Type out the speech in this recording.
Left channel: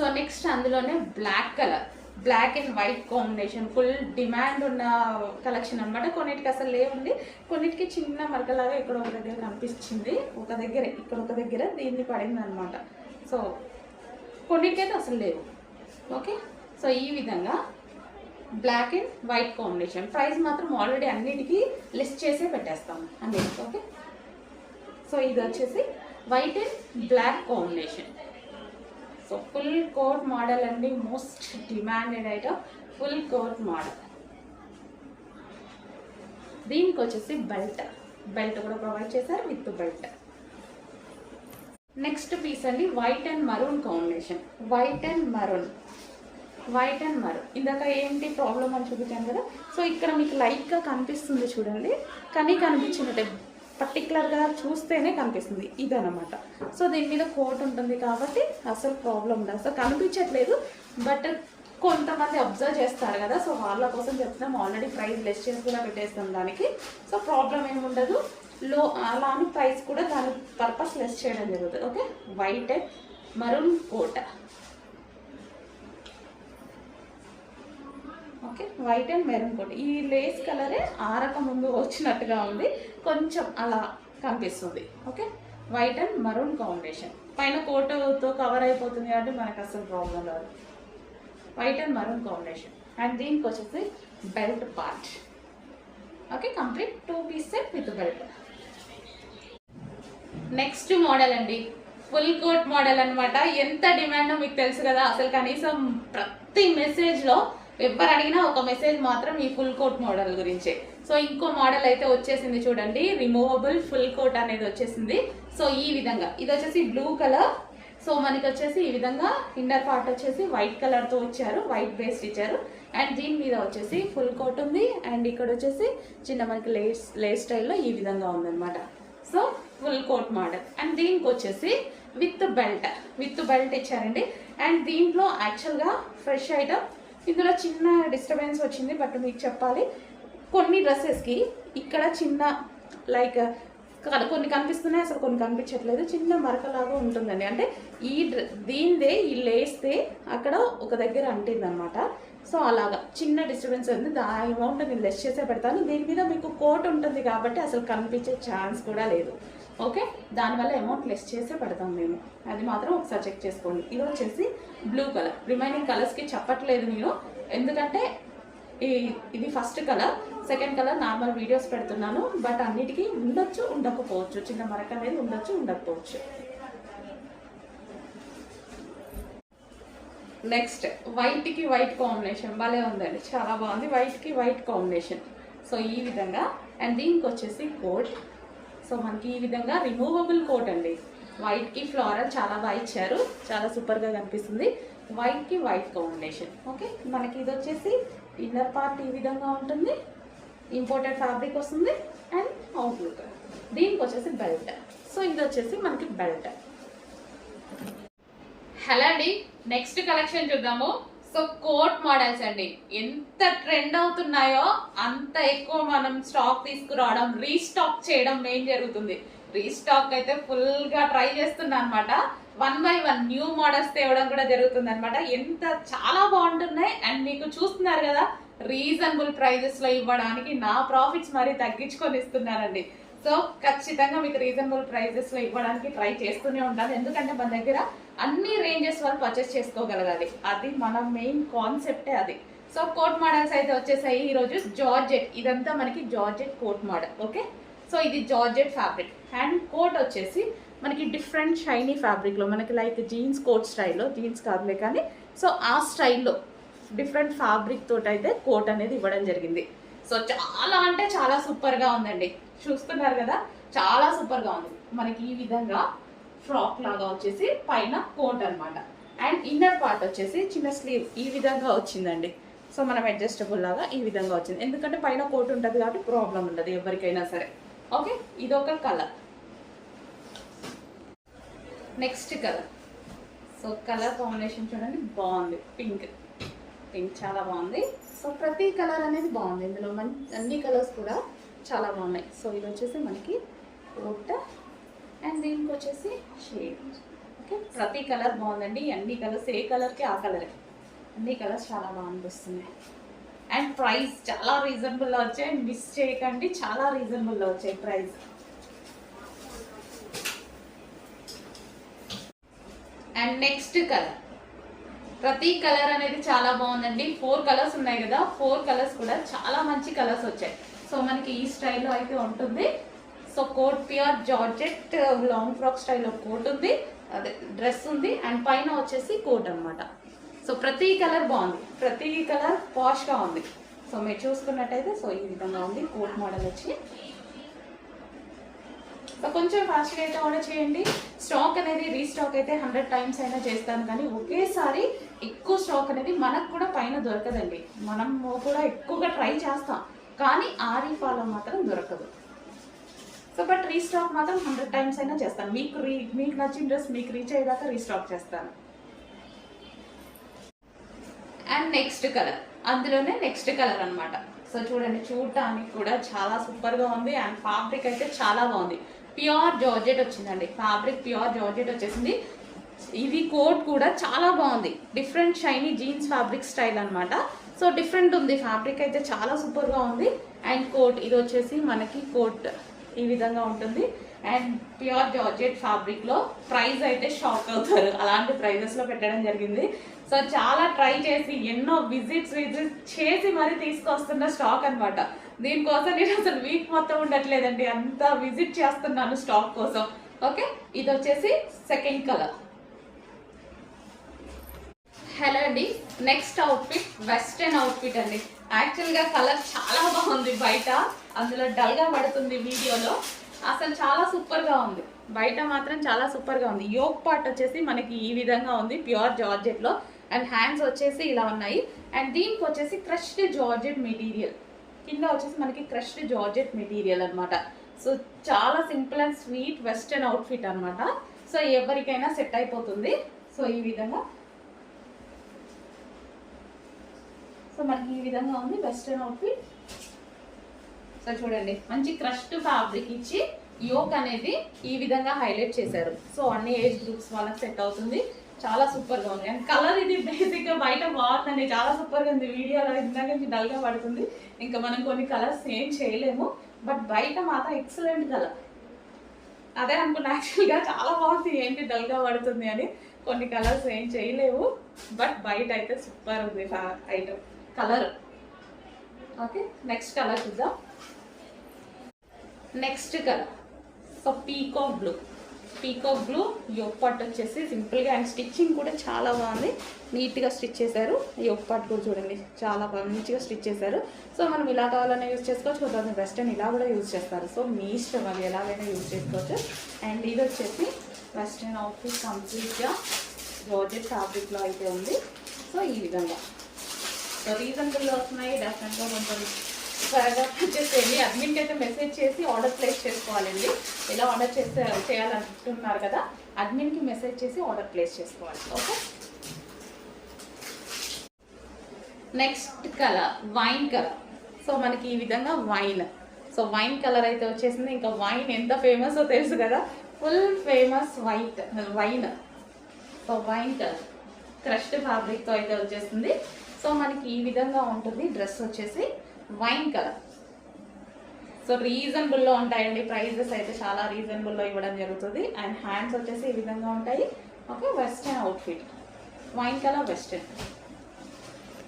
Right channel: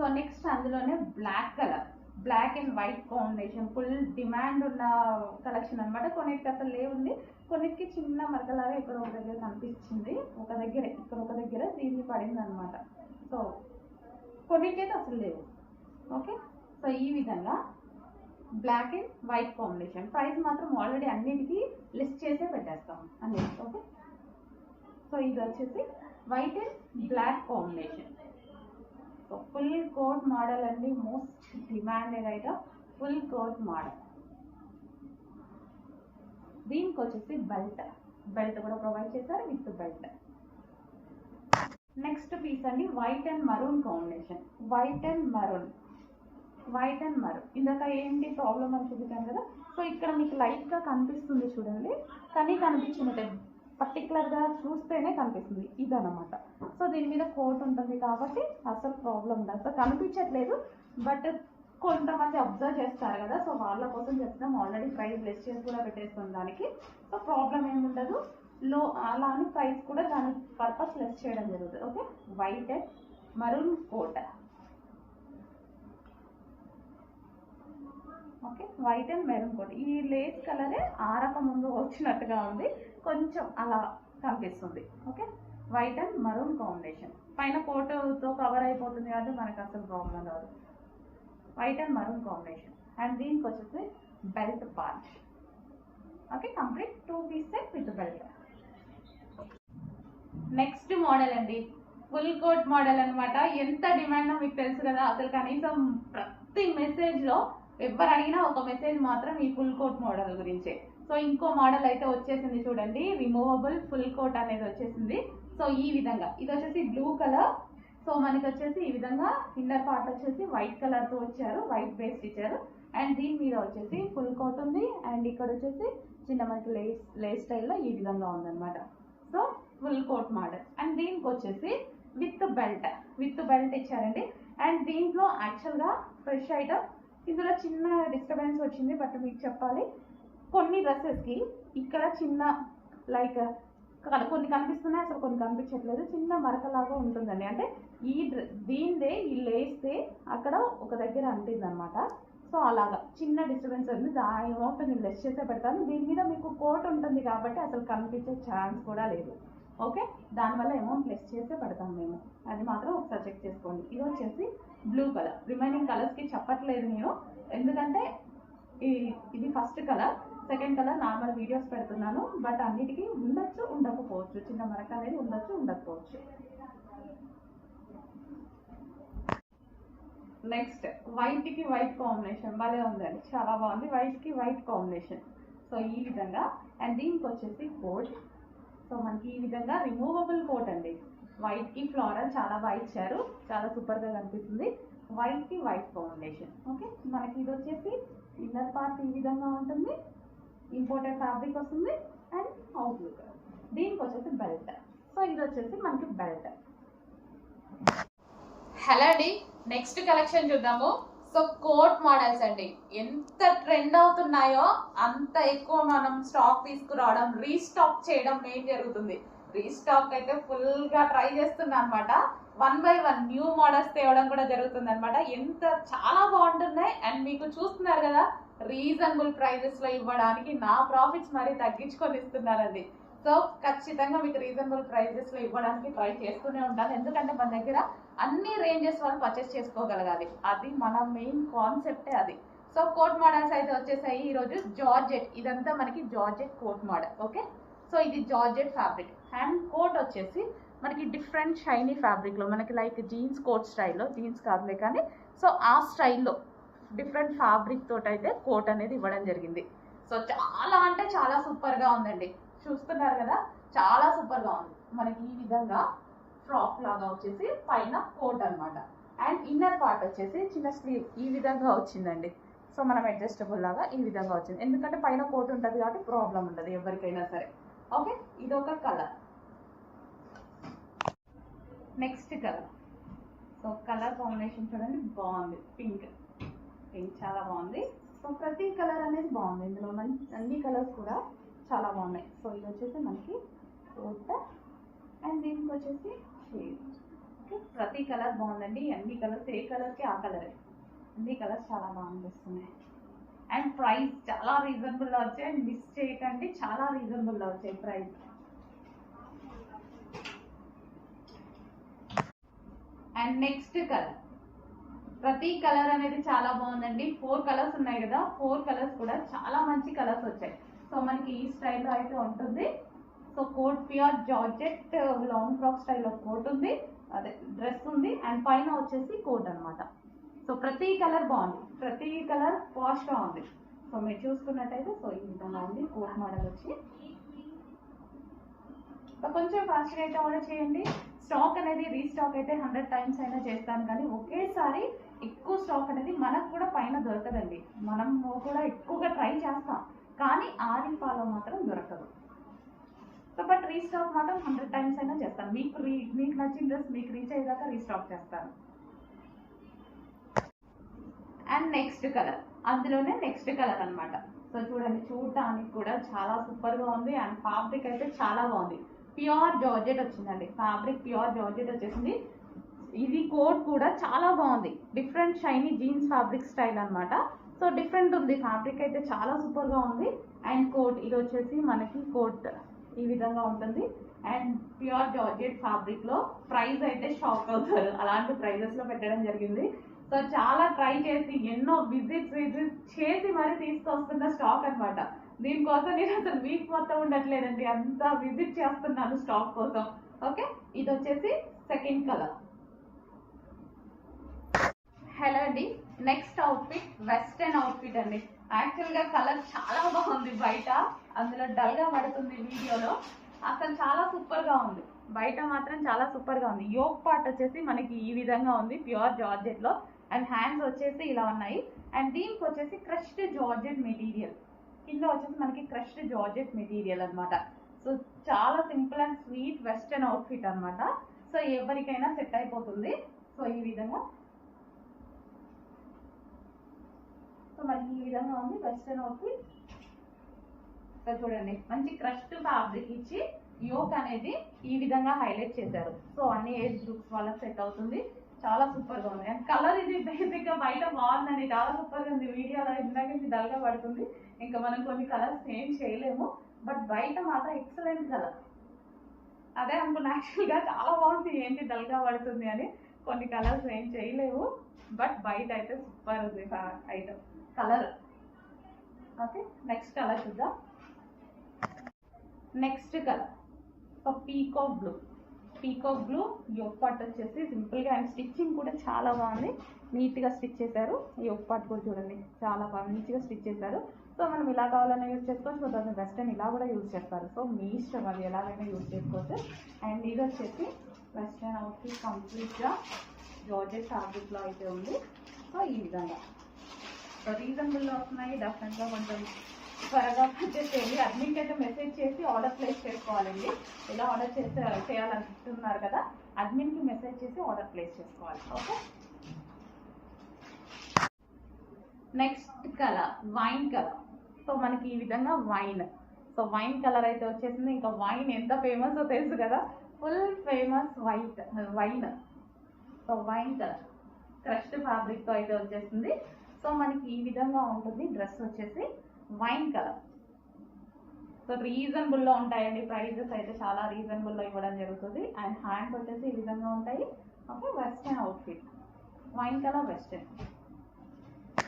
So next అందులోనే black colour, black and white combination full demand ఉన్న collection అనమాట. కొన్నిటికి అసలు లేవుంది, కొన్నిటికి చిన్న మరకలాగా ఇక్కడ ఒక దగ్గర కనిపించింది, ఒక దగ్గర ఇక్కడ ఒక దగ్గర దీన్ని పడింది అనమాట. సో కొన్నిటికైతే అసలు లేవు. ఓకే, సో ఈ విధంగా black and white combination. Price మాత్రం ఆల్రెడీ అన్నిటికీ లిస్ట్ చేసే పెట్టేస్తాము అన్నిటికీ. ఓకే, సో ఇది వచ్చేసి white and black combination. So full coat model అండి, most demanded item full coat model. దీనికి వచ్చేసి బెల్ట్ కూడా ప్రొవైడ్ చేశారు విత్ బెల్ట్. నెక్స్ట్ పీస్ అండి white and maroon combination. White and maroon ఇందాక ఏంటి ప్రాబ్లం అని చూపించాను కదా. సో ఇక్కడ మీకు లైట్గా కనిపిస్తుంది చూడండి, కానీ కనిపించినట్టే పర్టికులర్గా చూస్తేనే కనిపిస్తుంది ఇదనమాట. సో దీని మీద కోట్ ఉంటుంది కాబట్టి అసలు ప్రాబ్లం ఉండదు, అసలు కనిపించట్లేదు. బట్ కొంతమంది అబ్జర్వ్ చేస్తారు కదా, సో వాళ్ళ కోసం చెప్తున్నాం. ఆల్రెడీ ప్రైస్ లెస్ చేసి కూడా పెట్టేస్తాం దానికి, సో ప్రాబ్లం ఏమి ఉండదు. అలా అని ప్రైస్ కూడా దాని పర్పస్ లెస్ చేయడం జరుగుతుంది. Okay, white and maroon coat. Okay, white and maroon coat. ఈ లేస్ కలరే ఆరక ముందు వచ్చినట్టుగా ఉంది, కొంచెం అలా కనిపిస్తుంది. Okay, white and maroon combination. పైన కోటుతో కవర్ అయిపోతుంది కాబట్టి మనకు అసలు ప్రాబ్లం రాదు. White and maroon combination. And దీనికి వచ్చేసి belt part. Okay, complete 2 piece set with belt. Next model అండి ఫుల్ కోట్ మోడల్ అనమాట. ఎంత డిమాండో మీకు తెలుసు కదా. అసలు కనీసం ప్రతి మెసేజ్లో ఎవరు అడిగినా ఒక మెసేజ్ మాత్రం ఈ ఫుల్ కోట్ మోడల్ గురించే. సో ఇంకో మోడల్ అయితే వచ్చేసింది చూడండి, రిమూవబుల్ ఫుల్ కోట్ అనేది వచ్చేసింది. సో ఈ విధంగా ఇది వచ్చేసి బ్లూ కలర్. సో మనకి వచ్చేసి ఈ విధంగా ఇన్నర్ పార్ట్ వచ్చేసి వైట్ కలర్తో వచ్చారు, వైట్ బేస్ ఇచ్చారు. అండ్ దీని మీద వచ్చేసి ఫుల్ కోట్ ఉంది. అండ్ ఇక్కడ వచ్చేసి చిన్న మనకి లేస్ స్టైల్లో ఈ విధంగా ఉందన్నమాట. So full coat model. And దీనికి వచ్చేసి విత్ బెల్ట్ ఇచ్చారండి. అండ్ దీంట్లో యాక్చువల్గా ఫ్రెష్ ఐటమ్. ఇందులో చిన్న డిస్టర్బెన్స్ వచ్చింది, బట్ మీకు చెప్పాలి, కొన్ని డ్రెస్సెస్కి ఇక్కడ చిన్న లైక్ కొన్ని కనిపిస్తున్నాయి, అసలు కొన్ని కనిపించట్లేదు, చిన్న మరకలాగా ఉంటుందండి. అంటే దీనిదే ఈ లేస్తే అక్కడ ఒక దగ్గర అంటింది అనమాట. సో అలాగా చిన్న డిస్టర్బెన్స్ ఉంది. దాని అమౌంట్ నేను లెస్ చేసే పెడతాను. దీని మీద మీకు కోట్ ఉంటుంది కాబట్టి అసలు కనిపించే ఛాన్స్ కూడా లేదు. ఓకే, దానివల్ల అమౌంట్ లెస్ చేసే పెడతాం మేము, అది మాత్రం ఒకసారి చెక్ చేసుకోండి. ఇది వచ్చేసి బ్లూ కలర్. రిమైనింగ్ కలర్స్కి చెప్పట్లేదు నేను, ఎందుకంటే ఇది first colour, second colour normal videos పెడుతున్నాను. బట్ అన్నిటికీ ఉండొచ్చు ఉండకపోవచ్చు, చిన్న మరక అనేది ఉండొచ్చు ఉండకపోవచ్చు. నెక్స్ట్ వైట్కి వైట్ కాంబినేషన్ భలే ఉందండి, చాలా బాగుంది. వైట్కి వైట్ కాంబినేషన్. సో ఈ విధంగా. అండ్ దీనికి వచ్చేసి కోట్. సో మనకి ఈ విధంగా రిమూవబుల్ కోట్ అండి. వైట్కి ఫ్లోరల్ చాలా బాగా ఇచ్చారు, చాలా సూపర్గా కనిపిస్తుంది. వైట్కి వైట్ కాంబినేషన్. ఓకే, మనకి ఇది వచ్చేసి ఇన్నర్ పార్ట్ ఈ విధంగా ఉంటుంది, ఇంపోర్టెడ్ ఫ్యాబ్రిక్ వస్తుంది. And outlook. దీనికి వచ్చేసి బెల్ట్. సో ఇది వచ్చేసి మనకి బెల్ట్. హలో అండి, నెక్స్ట్ కలెక్షన్ చూద్దాము. సో కోట్ మోడల్స్ అండి, ఎంత ట్రెండ్ అవుతున్నాయో అంత ఎక్కువ మనం స్టాక్ తీసుకురావడం, రీస్టాక్ చేయడం మెయిన్ జరుగుతుంది. రీస్టాక్ అయితే ఫుల్గా ట్రై చేస్తున్నా అనమాట. 1 by 1 న్యూ మోడల్స్ తేవడం కూడా జరుగుతుంది అనమాట. ఎంత చాలా బాగుంటున్నాయి. అండ్ మీకు చూస్తున్నారు కదా, రీజనబుల్ ప్రైజెస్లో ఇవ్వడానికి నా ప్రాఫిట్స్ మరీ తగ్గించుకొని ఇస్తున్నానండి. సో ఖచ్చితంగా మీకు రీజనబుల్ ప్రైజెస్లో ఇవ్వడానికి ట్రై చేస్తూనే ఉంటాను, ఎందుకంటే మన దగ్గర అన్ని రేంజెస్ వాళ్ళు పర్చేస్ చేసుకోగలగాలి, అది మన మెయిన్ కాన్సెప్టే అది. సో కోట్ మోడల్స్ అయితే వచ్చేసాయి ఈరోజు. జార్జెట్, ఇదంతా మనకి georgette coat model. Okay, so ఇది జార్జెట్ ఫ్యాబ్రిక్. అండ్ కోట్ వచ్చేసి మనకి డిఫరెంట్ షైనీ ఫ్యాబ్రిక్లో, మనకి లైక్ జీన్స్ కోట్ స్టైల్లో, జీన్స్ కాదులే కానీ సో ఆ స్టైల్లో డిఫరెంట్ ఫ్యాబ్రిక్ తోటి అయితే కోట్ అనేది ఇవ్వడం జరిగింది. సో చాలా అంటే చాలా సూపర్గా ఉందండి, చూస్తున్నారు కదా, చాలా సూపర్గా ఉంది. మనకి ఈ విధంగా ఫ్రాక్ లాగా వచ్చేసి పైన కోట్ అనమాట. అండ్ ఇన్నర్ పార్ట్ వచ్చేసి చిన్న స్లీవ్ ఈ విధంగా వచ్చిందండి. సో మనం అడ్జస్టబుల్ లాగా ఈ విధంగా వచ్చింది, ఎందుకంటే పైన కోట్ ఉంటుంది కాబట్టి ప్రాబ్లం ఉండదు ఎవరికైనా సరే. ఓకే, ఇదొక colour. Next colour. So colour combination చూడండి, బాగుంది. పింక్ చాలా బాగుంది. సో ప్రతి కలర్ అనేది బాగుంది ఇందులో, అన్ని కలర్స్ కూడా చాలా బాగున్నాయి. సో ఇది వచ్చేసి మనకి కోట్. అండ్ దీనికి వచ్చేసి షేడ్. ఓకే, ఓకే, ప్రతి కలర్ బాగుందండి. అన్ని కలర్స్, ఏ కలర్కి ఆ కలరే, అన్ని కలర్స్ చాలా బాగా అనిపిస్తున్నాయి. అండ్ ప్రైస్ చాలా రీజనబుల్లో వచ్చాయి, మిస్ చేయకండి, చాలా రీజనబుల్లో వచ్చాయి ప్రైస్. అండ్ నెక్స్ట్ కలర్, ప్రతి కలర్ అనేది చాలా బాగుందండి. 4 కలర్స్ ఉన్నాయి కదా, 4 కలర్స్ కూడా చాలా మంచి కలర్స్ వచ్చాయి. సో మనకి ఈ స్టైల్లో అయితే ఉంటుంది. So coat pure georgette long frock స్టైల్లో కోట్ ఉంది, అదే డ్రెస్ ఉంది, అండ్ పైన వచ్చేసి కోట్ అనమాట. సో ప్రతి కలర్ బాగుంది, ప్రతి కలర్ పాష్గా ఉంది. సో మీరు చూసుకున్నట్టయితే సో ఈ విధంగా ఉంది కోట్ మోడల్ వచ్చి. సో కొంచెం ఫాస్ట్గా అయితే ఆర్డర్ చేయండి. స్టాక్ అనేది రీస్టాక్ అయితే 100 టైమ్స్ అయినా చేస్తాను, కానీ ఒకేసారి ఎక్కువ స్టాక్ అనేది మనకు కూడా పైన దొరకదండి. మనం కూడా ఎక్కువగా ట్రై చేస్తాం, కానీ ఆరి ఫాలో మాత్రం దొరకదు. సో బట్ రీస్టాక్ మాత్రం 100 టైమ్స్ అయినా చేస్తాను. మీకు నచ్చిన డ్రెస్ మీకు రీచ్ అయ్యేదాకా రీస్టాక్ చేస్తాను. అండ్ నెక్స్ట్ కలర్, అందులోనే నెక్స్ట్ కలర్ అనమాట. సో చూడండి, చూడటానికి కూడా చాలా సూపర్గా ఉంది. అండ్ ఫ్యాబ్రిక్ అయితే చాలా బాగుంది. ప్యూర్ జార్జెట్ వచ్చిందండి, ఫ్యాబ్రిక్ ప్యూర్ జార్జెట్ వచ్చేసింది. ఇది కోట్ కూడా చాలా బాగుంది, different shiny jeans fabric style అనమాట. సో డిఫరెంట్ ఉంది, ఫ్యాబ్రిక్ అయితే చాలా సూపర్గా ఉంది. అండ్ కోట్ ఇది వచ్చేసి మనకి కోట్ ఈ విధంగా ఉంటుంది. అండ్ ప్యూర్ జార్జెట్ ఫ్యాబ్రిక్లో ప్రైస్ అయితే షాక్ అవుతారు, అలాంటి ప్రైజెస్లో పెట్టడం జరిగింది. సో చాలా ట్రై చేసి ఎన్నో విజిట్స్ చేసి మరీ తీసుకొస్తున్న స్టాక్ అనమాట. దీనికోసం నేను అసలు వీక్ మొత్తం ఉండట్లేదండి, అంతా విజిట్ చేస్తున్నాను స్టాక్ కోసం. ఓకే, ఇది వచ్చేసి సెకండ్ కలర్. హలో అండి, నెక్స్ట్ అవుట్ఫిట్ వెస్ట్రన్ అవుట్ఫిట్ అండి. యాక్చువల్గా కలర్ చాలా బాగుంది బయట, అందులో డల్గా పడుతుంది వీడియోలో. అసలు చాలా సూపర్గా ఉంది, బయట మాత్రం చాలా సూపర్గా ఉంది. యోక్ పార్ట్ వచ్చేసి మనకి ఈ విధంగా ఉంది ప్యూర్ జార్జెట్లో. అండ్ హ్యాండ్స్ వచ్చేసి ఇలా ఉన్నాయి. అండ్ దీనికి వచ్చేసి క్రష్డ్ జార్జెట్ మెటీరియల్, కింద వచ్చేసి మనకి క్రష్డ్ జార్జెట్ మెటీరియల్ అనమాట. సో చాలా simple and sweet western outfit అనమాట. సో ఎవరికైనా సెట్ అయిపోతుంది. సో ఈ విధంగా, సో మనకి ఈ విధంగా ఉంది వెస్టర్న్ అవుట్ఫిట్. సో చూడండి, మంచి క్రష్డ్ ఫ్యాబ్రిక్ ఇచ్చి యోక్ అనేది ఈ విధంగా హైలైట్ చేశారు. సో అన్ని ఏజ్ గ్రూప్స్ వాళ్ళకి సెట్ అవుతుంది, చాలా సూపర్గా ఉంది. అండ్ కలర్ ఇది బేసిక్గా బయట బాగుందండి, చాలా సూపర్గా ఉంది. వీడియోలో ఇందాక నుంచి డల్గా పడుతుంది, ఇంకా మనం కొన్ని కలర్స్ ఏం చేయలేము. బట్ బయట మాత్రం ఎక్సలెంట్ కలర్, అదే అనుకున్నా యాక్చువల్గా చాలా బాగుంది, ఏంటి డల్గా పడుతుంది అని. కొన్ని కలర్స్ ఏం చేయలేవు, బట్ బయట అయితే సూపర్ ఉంది item colour. Okay, next colour చూద్దాం. Next colour so peacock blue. Peacock blue yoke part వచ్చేసి సింపుల్గా, అండ్ స్టిచ్చింగ్ కూడా చాలా బాగుంది, నీట్గా స్టిచ్ చేశారు. యోక్ పార్ట్ కూడా చూడండి చాలా బాగా నీట్గా స్టిచ్ చేశారు. సో మనం ఇలా కావాలన్నా యూజ్ చేసుకోవచ్చు, కొంతమంది వెస్టర్న్ ఇలా కూడా యూజ్ చేస్తారు. సో మీ ఇష్టం, అది ఎలాగైనా యూజ్ చేసుకోవచ్చు. అండ్ ఇది వచ్చేసి వెస్టర్న్ అవుట్ఫిట్ కంప్లీట్గా జార్జెట్ ఫ్యాబ్రిక్లో అయితే ఉంది. సో ఈ విధంగా సో రీజనబుల్లో వస్తున్నాయి. డెఫినెట్గా కొంచెం త్వరగా వచ్చేసేయండి. అడ్మిన్కి అయితే మెసేజ్ చేసి ఆర్డర్ ప్లేస్ చేసుకోవాలండి. ఇలా ఆర్డర్ చేయాలనుకుంటున్నారు కదా, అడ్మిన్కి మెసేజ్ చేసి ఆర్డర్ ప్లేస్ చేసుకోవాలి. Okay, next colour wine colour. So మనకి ఈ విధంగా వైన్, సో వైన్ కలర్ అయితే వచ్చేసింది. ఇంకా వైన్ ఎంత ఫేమస్ తెలుసు కదా, full famous wine. So wine colour crushed ఫ్యాబ్రిక్తో అయితే వచ్చేసింది. సో మనకి ఈ విధంగా ఉంటుంది డ్రెస్ వచ్చేసి వైన్ కలర్. సో రీజనబుల్లో ఉంటాయండి, ప్రైజెస్ అయితే చాలా రీజనబుల్లో ఇవ్వడం జరుగుతుంది. అండ్ హ్యాండ్స్ వచ్చేసి ఈ విధంగా ఉంటాయి. Okay, western outfit wine colour western.